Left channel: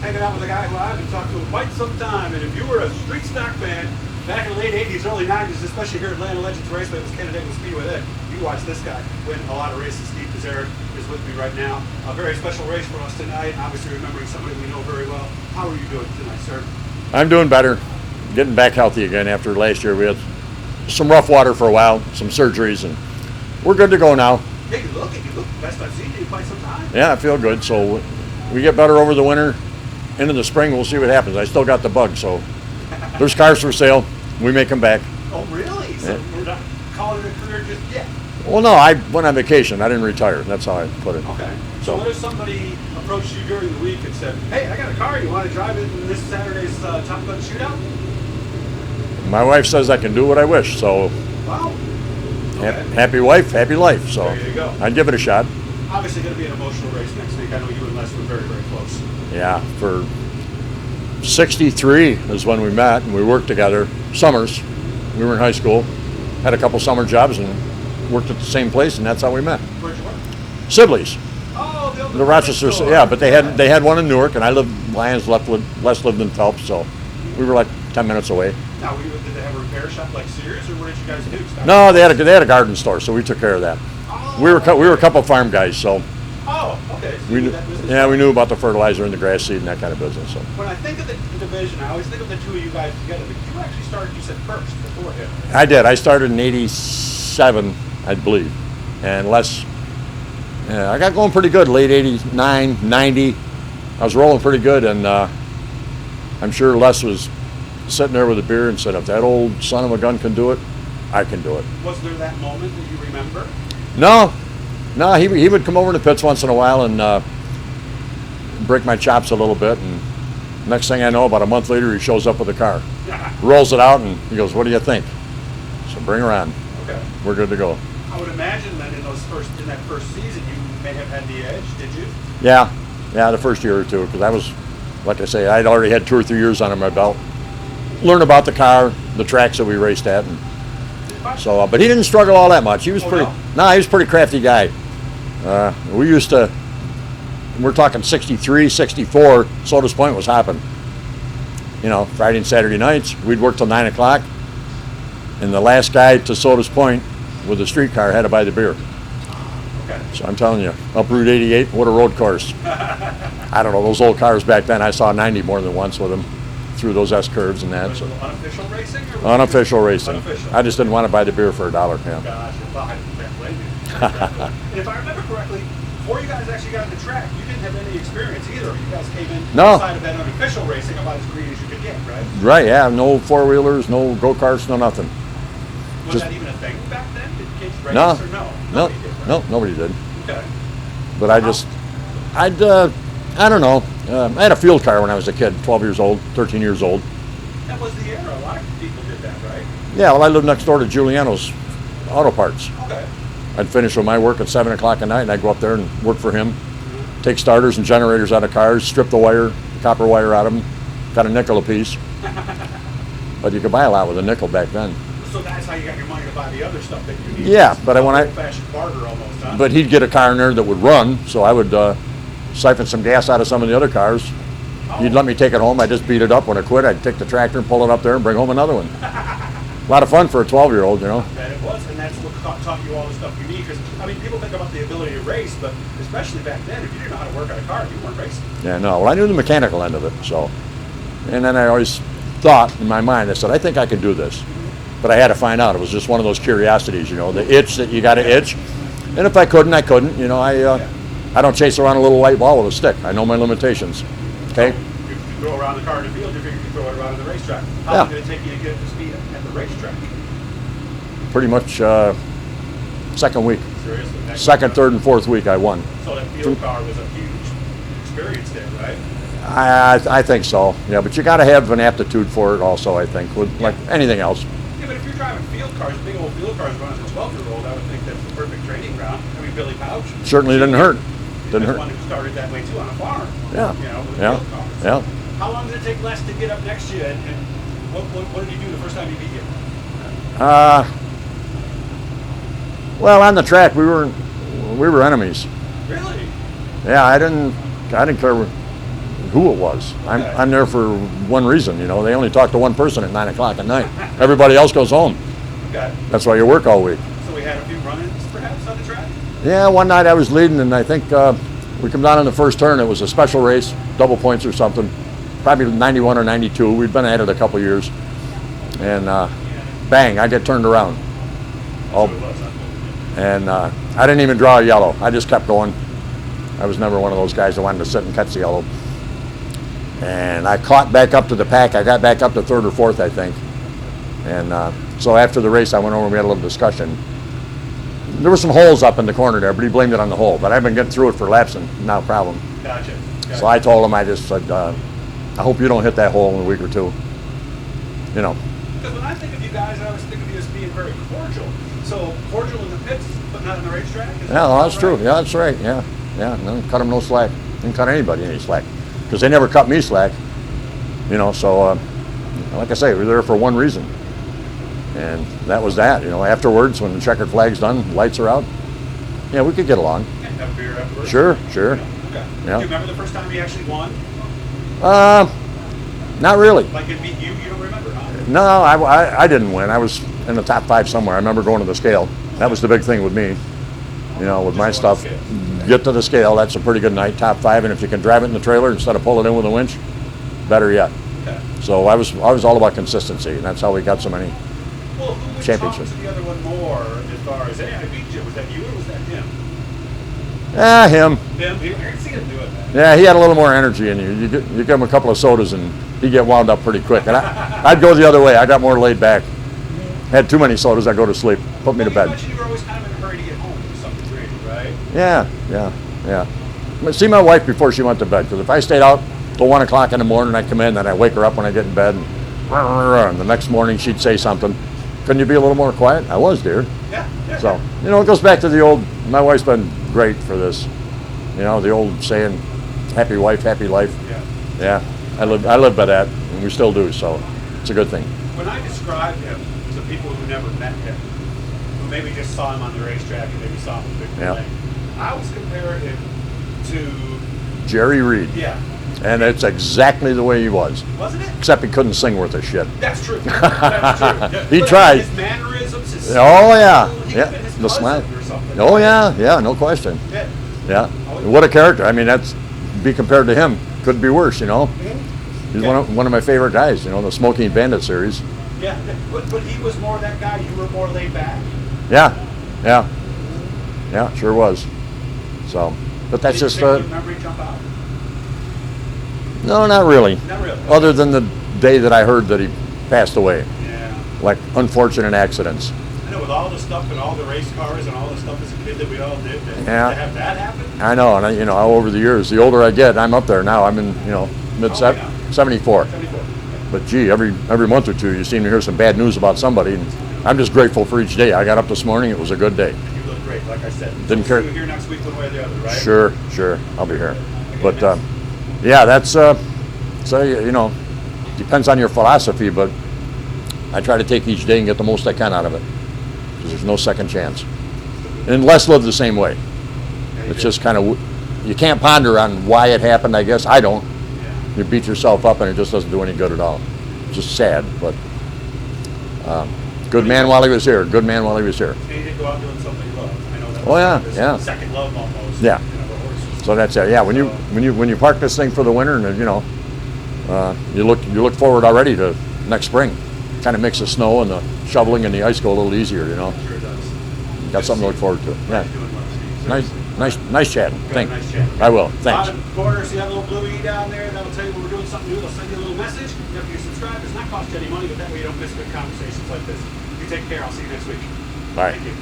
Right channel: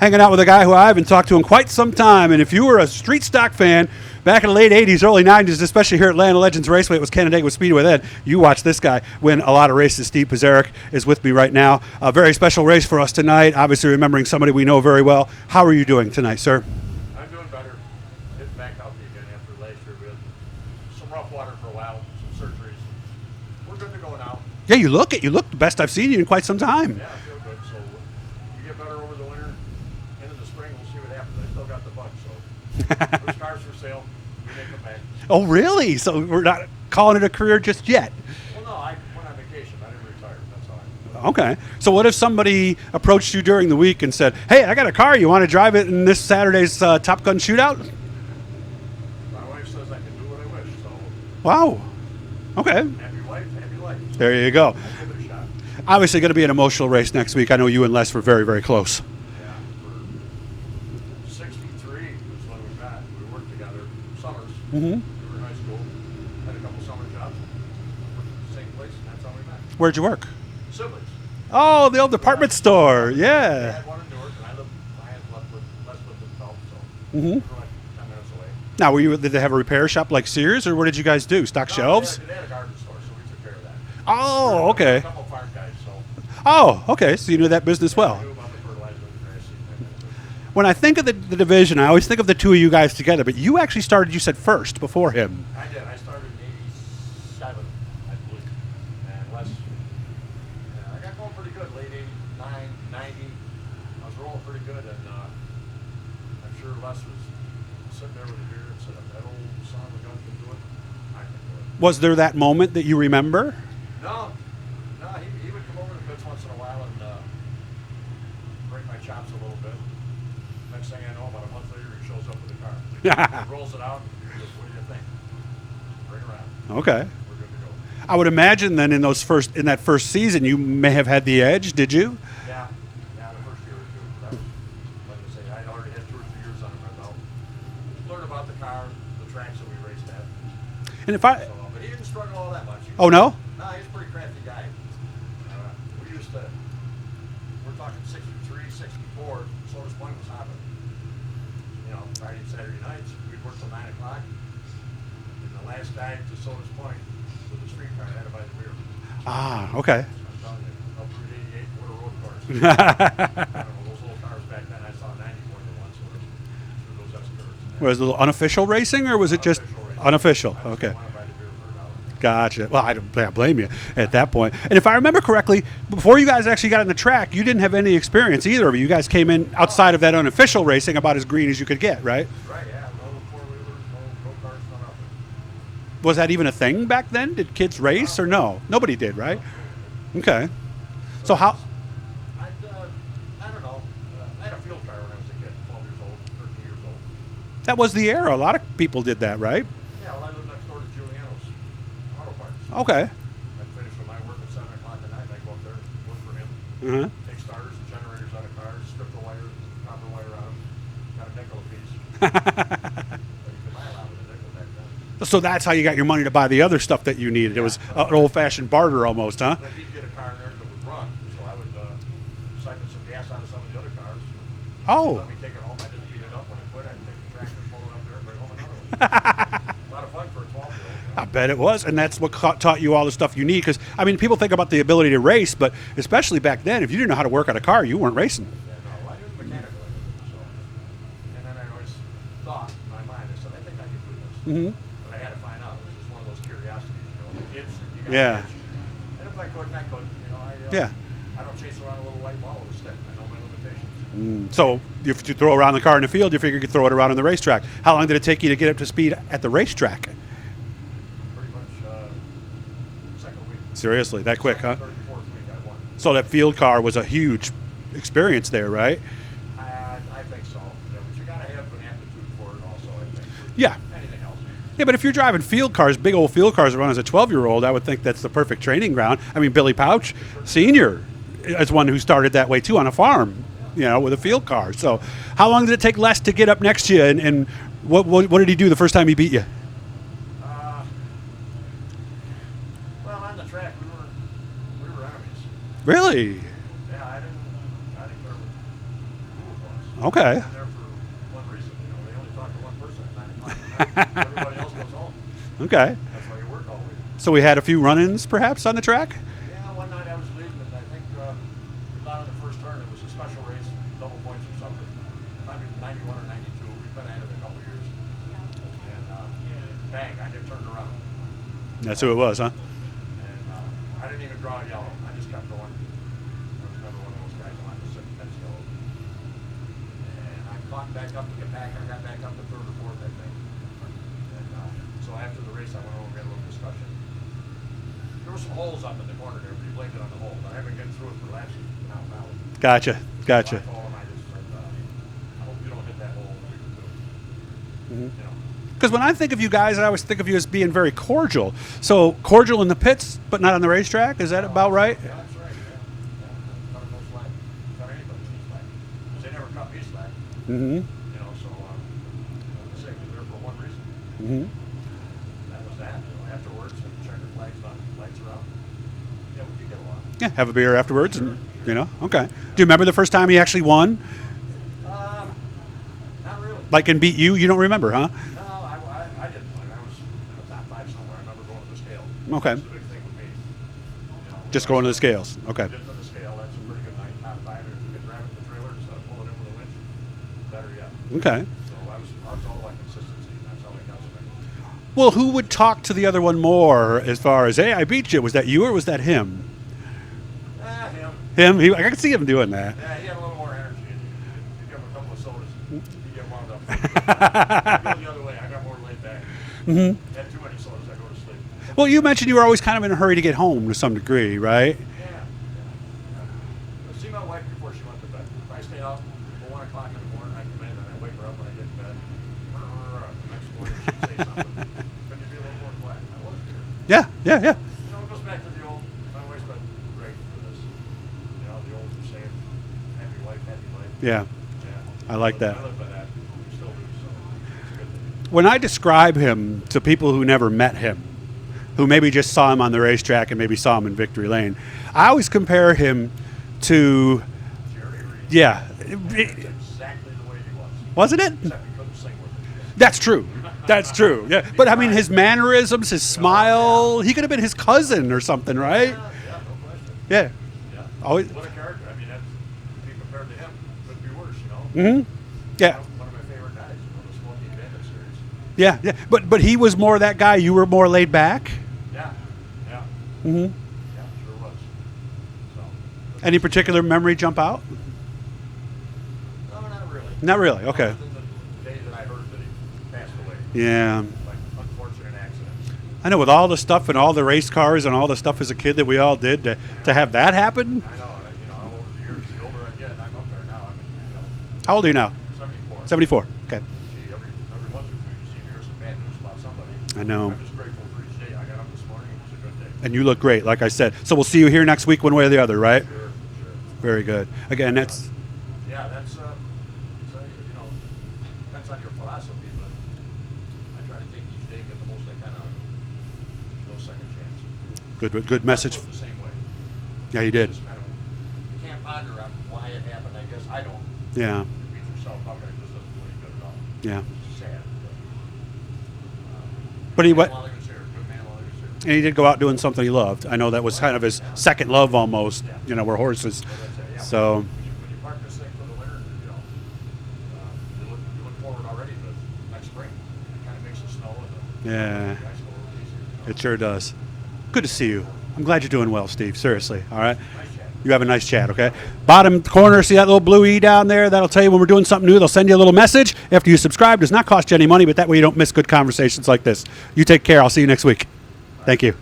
hanging out with a guy who I haven't talked to in quite some time. And if you were a street stock fan back in the late 80s, early 90s, especially here at Atlanta Legends Raceway, it was Canandaigua Speedway then. You watch this guy win a lot of races. Steve Pesarek is with me right now. A very special race for us tonight, obviously remembering somebody we know very well. How are you doing tonight, sir? I'm doing better. Getting back healthy again after last year. We had some rough water for a while, some surgeries, and we're good to go now. Yeah, you look best I've seen you in quite some time. Yeah, I feel good. So we get better over the winter. Into the spring, we'll see what happens. I still got the bug, so there's cars for sale. We make them back. Oh, really? So we're not calling it a career just yet? Well, no, I went on vacation. I didn't retire. That's how I put it. Okay. So what if somebody approached you during the week and said, hey, I got a car. You want to drive it in this Saturday's Top Gun shootout? My wife says I can do what I wish, so. Wow. Okay. Happy wife, happy life. So there you go. I'd give it a shot. Obviously going to be an emotional race next week. I know you and Les were very, very close. Yeah, for 63 is when we met, and we worked together. Summers. Mm-hmm. We were in high school, had a couple summer jobs, and worked at the same place, and that's how we met. Where'd you work? Sibley's. Oh, the old department store. Yeah, but they had one in Newark, and I lived in Lyons, Les lived in Phelps, so we were like 10 minutes away. Now, did they have a repair shop like Sears, or what did you guys do? No, they had a garden store, so we took care of that. Oh, we were a couple farm guys, so. Oh, okay. So you knew that business well. Yeah, we knew about the fertilizer and the grass seed and that kind of business. So. When I think of the division, I always think of the two of you guys together, but you actually started, you said, first, before him. I did. I started in 87, I believe. And Les, I got going pretty good, late 89, 90. I was rolling pretty good, and I'm sure Les was sitting there with a beer and said, if that old son of a gun can do it, I can do it. Was there that moment that you remember? No, he would come over to the pits once in a while and break my chops a little bit, and next thing I know, about a month later, he shows up with a car. Rolls it out, and he goes, what do you think? So bring her on. Okay. We're good to go. I would imagine then in that first season, you may have had the edge, did you? Yeah, the first year or two, because I was, like I say, I'd already had 2 or 3 years under my belt. Learn about the car, the tracks that we raced at, but he didn't struggle all that much. He was no? No, he was a pretty crafty guy. We're talking 63, 64, Sodas Point was hopping. You know, Friday and Saturday nights, we'd work till 9 o'clock, and the last guy to Sodas Point with a streetcar had to buy the beer. Ah, okay. So I'm telling you, up Route 88, what a road course. I don't know, those old cars back then, I saw 90 more than once with them through those S-curves and that. Was it unofficial racing, or was unofficial it racing? Unofficial. I just didn't want to buy the beer for $1. Yeah. Gotcha. Well, I don't blame you at that point. And if I remember correctly, before you guys actually got in the track, you didn't have any experience either of you. You guys came in outside of that unofficial racing about as green as you could get, right? Right, yeah. No four-wheelers, no go-karts, no nothing. Was that even a thing back then? Did kids race or no? Nobody did, right? No, nobody did. Okay. But so I don't know. I had a field car when I was a kid, 12 years old, 13 years old. That was the era. A lot of people did that, right? Yeah, well, I lived next door to Giuliano's Auto Parts. Okay. I'd finish with my work at 7 o'clock at night, and I'd go up there and work for him, take starters and generators out of cars, strip the wire, copper wire out of them, got a nickel apiece. But you could buy a lot with a nickel back then. So that's how you got your money to buy the other stuff that you needed. Yeah, but old-fashioned barter almost, huh? But he'd get a car in there that would run, so I would siphon some gas out of some of the other cars. Oh. He'd let me take it home. I'd just beat it up. When I quit, I'd take the tractor and pull it up there and bring home another one. A lot of fun for a 12-year-old, you know. I bet it was, and that's what taught you all the stuff you need. Because, I mean, people think about the ability to race, but especially back then, if you didn't know how to work on a car, you weren't racing. Yeah, no. Well, I knew the mechanical end of it, so. And then I always thought in my mind, I said, I think I can do this. Mm-hmm. But I had to find out. It was just one of those curiosities, you know, the itch that you got to itch. And if I couldn't, I couldn't. You know, I don't chase around a little white ball with a stick. I know my limitations. So if you throw around the car in the field, you figure you could throw it around on the racetrack. How long did it take you to get up to speed at the racetrack? Pretty much second week. Seriously? That quick, second, third, and fourth week I won. So that field car was a huge experience there, right? I think so. Yeah, but you got to have an aptitude for it also, I think, with like anything else. Yeah, but if you're driving field cars, big old field cars run as a 12-year-old, I would think that's the perfect training ground. I mean, Billy Pouch certainly didn't hurt. That's one who started that way too on a farm. Yeah. You know, with a field car. So, how long did it take Les to get up next to you, and what did he do the first time he beat you? Well, on the track we were enemies. Really? Yeah, I didn't care who it was. Okay. I'm there for one reason. You know, they only talk to one person at 9 o'clock at night. Everybody else goes home. Okay. That's why you work all week. So we had a few run-ins, perhaps, on the track? Yeah, one night I was leading, and I think we come down in the first turn. It was a special race, double points or something, probably 91 or 92. We'd been at it a couple years. And bang, I get turned around. That's who it was, huh? And I didn't even draw a yellow. I just kept going. I was never one of those guys that wanted to sit and catch the yellow. And I caught back up to the pack. I got back up to third or fourth, I think. And so after the race, I went over and we had a little discussion. There were some holes up in the corner there, but he blamed it on the hole. But I've been getting through it for laps and not a problem. Gotcha. So I told him, I just said, I hope you don't hit that hole in a week or two. You know. Because when I think of you guys, I always think of you as being very cordial. So cordial in the pits, but not on the racetrack? Is that that's right? true. Yeah, that's right. Yeah. No, cut him no slack. Didn't cut anybody any slack. Because they never cut me slack. Mm-hmm. You know, so like I say, we were there for one reason. Mm-hmm. And that was that. You know, afterwards, when the checkered flag's done, lights are out, yeah, we could get along. Yeah, have a beer afterwards? Sure. You know? Okay. Yeah. Do you remember the first time he actually won? Not really. Like and beat you? You don't remember, huh? No, I didn't win. I was in the top 5 somewhere. I remember going to the scale. Okay. That was the big thing with me. You know, with Just my going stuff. to the scales. Okay. Get to the scale. That's a pretty good night. Top 5, and if you can drive it in the trailer instead of pull it in with a winch, better yet. Okay. So I was all about consistency, and that's how we got so many. Well, who would talk Championship. to the other one more as far as, hey, I beat you? Was that you or was that him? Him. Him? I can see him doing that. Yeah, he had a little more energy in you. You give him a couple of sodas, and he'd get wound up pretty quick. And I'd go the other way. I got more laid back. Mm-hmm. Had too many sodas, I'd go to sleep. Put me Well, to you bed. mentioned you were always kind of in a hurry to get home to some degree, right? Yeah. See my wife before she went to bed, because if I stayed out till 1 o'clock in the morning, I'd come in, and I'd wake her up when I get in bed, and the next morning she'd say something. Couldn't you be a little more quiet? I was, dear. Yeah. So, you know, it goes back to the old, my wife's been great for this. You know, the old saying, happy wife, happy life. Yeah. Yeah. I I live by that, and we still do, so it's a good thing. When I describe him to people who never met him, who maybe just saw him on the racetrack and maybe saw him in Victory Lane, I always compare him to Jerry Reed. Yeah. And it's exactly the way he was. Wasn't it? Except he couldn't sing worth a shit. That's true. That's true. Yeah. He but tried. I mean, his mannerisms, his smile. He could have been his The cousin smile. or something. Oh, right? yeah, no question. Yeah. Yeah. Always- What a character. I mean, that's, be compared to him, could be worse, you know? Mm-hmm. He's Yeah. one of my favorite guys, you know, the Smoking Bandit series. Yeah. But he was more that guy. You were more laid back. Yeah. Mm-hmm. Yeah, sure was. So, but that's Any just particular memory jump out? No, not really. Not really. Okay. Other than the day that I heard that he passed away. Yeah. Like unfortunate accidents. I know, with all the stuff and all the race cars and all the stuff as a kid that we all did, to have that happen. I know, and you know, over the years, the older I get, I'm up there now. I'm in, you know, How old are you now? 74. 74. Okay. But gee, every month or two, you seem to hear some bad news about somebody. And I know. I'm just grateful for each day. I got up this morning; it was a good day. And you look great, like I said. So we'll care. see you here next week, one way or the other, right? Sure. I'll Very be here. good. Again, But that's- yeah, that's so you know, depends on your philosophy, but I try to take each day and get the most I can out of it, because there's no second chance. And Les lived the same way. Yeah, you It's did. just kind of, you can't ponder on why it happened, I guess. I don't. Yeah. You beat yourself up and it just doesn't do any good at all. Yeah. It's just sad, but But good he man went- while he was here. Good man while he was here. And he did go out doing something he loved. I know that was Oh, kind yeah, of his yeah. second love almost. Yeah. You know, we're horses. So that's it. Yeah. So- When you park this thing for the winter, and you know, you look forward already to next spring. Kind of makes the snow and the shoveling and the ice go a little easier. You know. It sure does. That's Good to see something to look you. forward to. I'm glad Yeah. you're doing well, Steve. Seriously. All right. Nice chat. You have a nice chat, okay? I will. Thanks. Bottom corner, see that little blue E down there? That'll tell you when we're doing something new. They'll send you a little message after you subscribe. Does not cost you any money, but that way you don't miss good conversations like this. You take care. I'll see you next week. Bye. Thank you.